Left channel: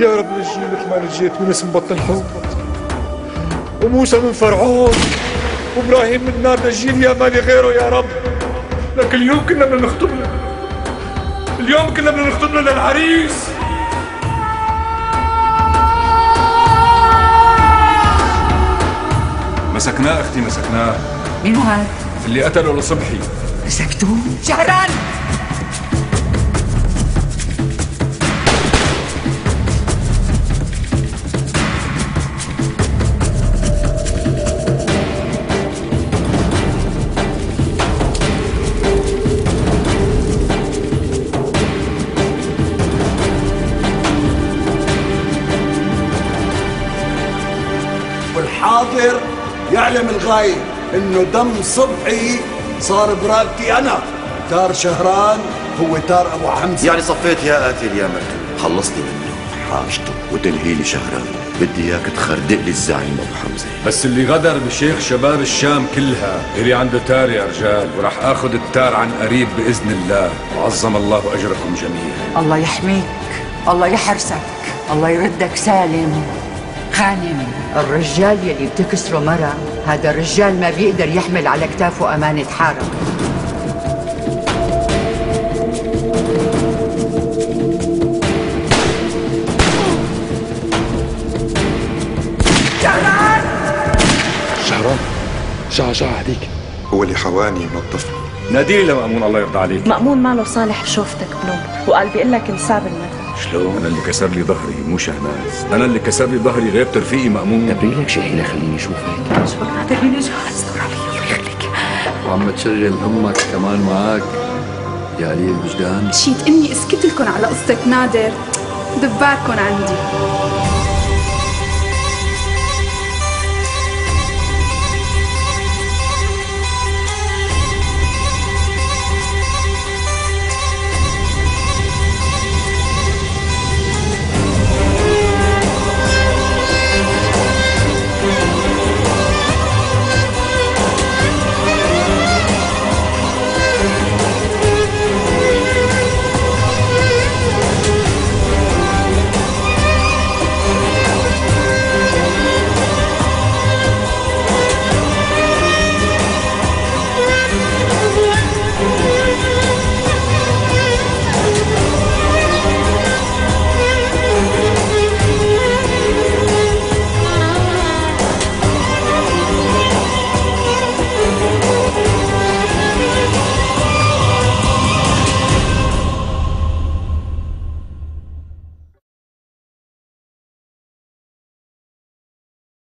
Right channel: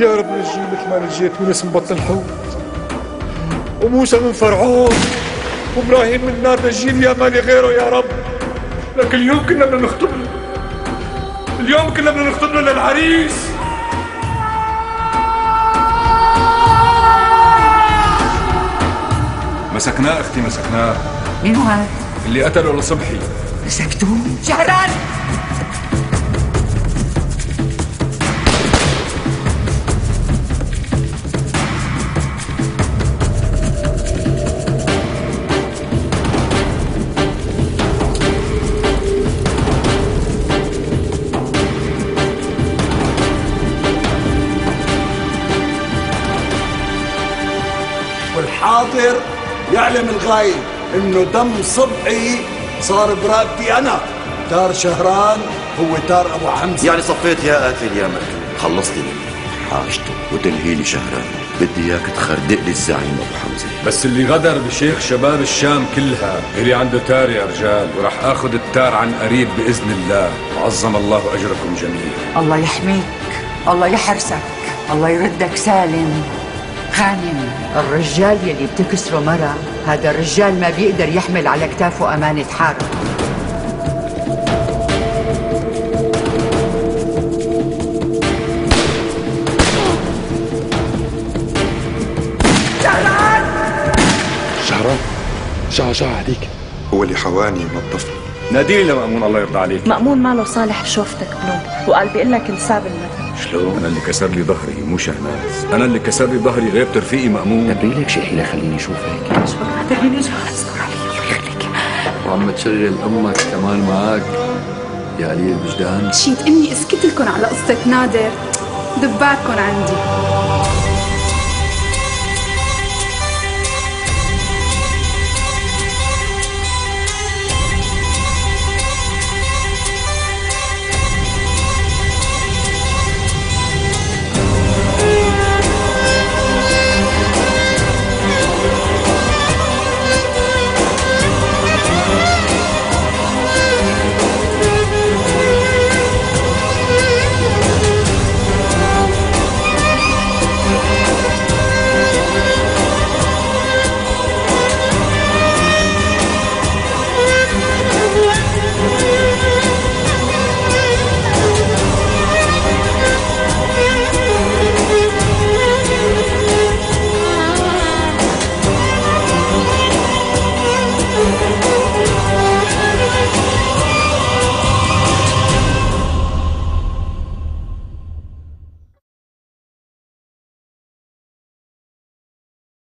يا رب نجيه مثل ما نجيت يونس من بطن الحوت، وموسى من فرعون، وابراهيم من نار. نجيني يا مالي غيره يا رب. لكن اليوم كنا بدنا نخطب له، اليوم كنا بدنا نخطب له للعريس. مسكناه اختي، مسكناه. مين هاد؟ اللي قتله لصبحي. مسكتوه؟ شهران والحاضر يعلم الغايب انه دم صبحي صار برقبتي انا. تار شهران هو تار ابو حمزه. يعني صفيت يا قاتل يا مقتول، خلصني منه حاجته وتنهي لي شهران. بدي اياك تخردق لي الزعيم ابو حمزه. بس اللي غدر بشيخ شباب الشام كلها اللي عنده تار يا رجال، وراح اخذ التار عن قريب باذن الله، وعظم الله اجركم جميعا. الله يحميك، الله يحرسك، الله يردك سالم غانم. الرجال يلي بتكسره مرة، هذا الرجال ما بيقدر يحمل على كتافه أمانة حارة. شهران شعر هديك هو اللي حواني منظفني. ناديلي لمأمون الله يرضى عليك. مأمون ماله صالح بشوفتك بنوم، وقال بيقول لك انساب المثل. شلون؟ أنا اللي كسر لي ظهري مو شهناز، أنا اللي كسر لي ظهري غيبت رفيقي مأمون. دبري لك شي حيلة خليني أشوف هيك. شو بك نعتبريني جهل؟ استر علي الله يخليك. وعم تشغل أمك كمان معك يا قليل الوجدان. مشيت إني اسكت لكم على قصة نادر، دباركم عندي.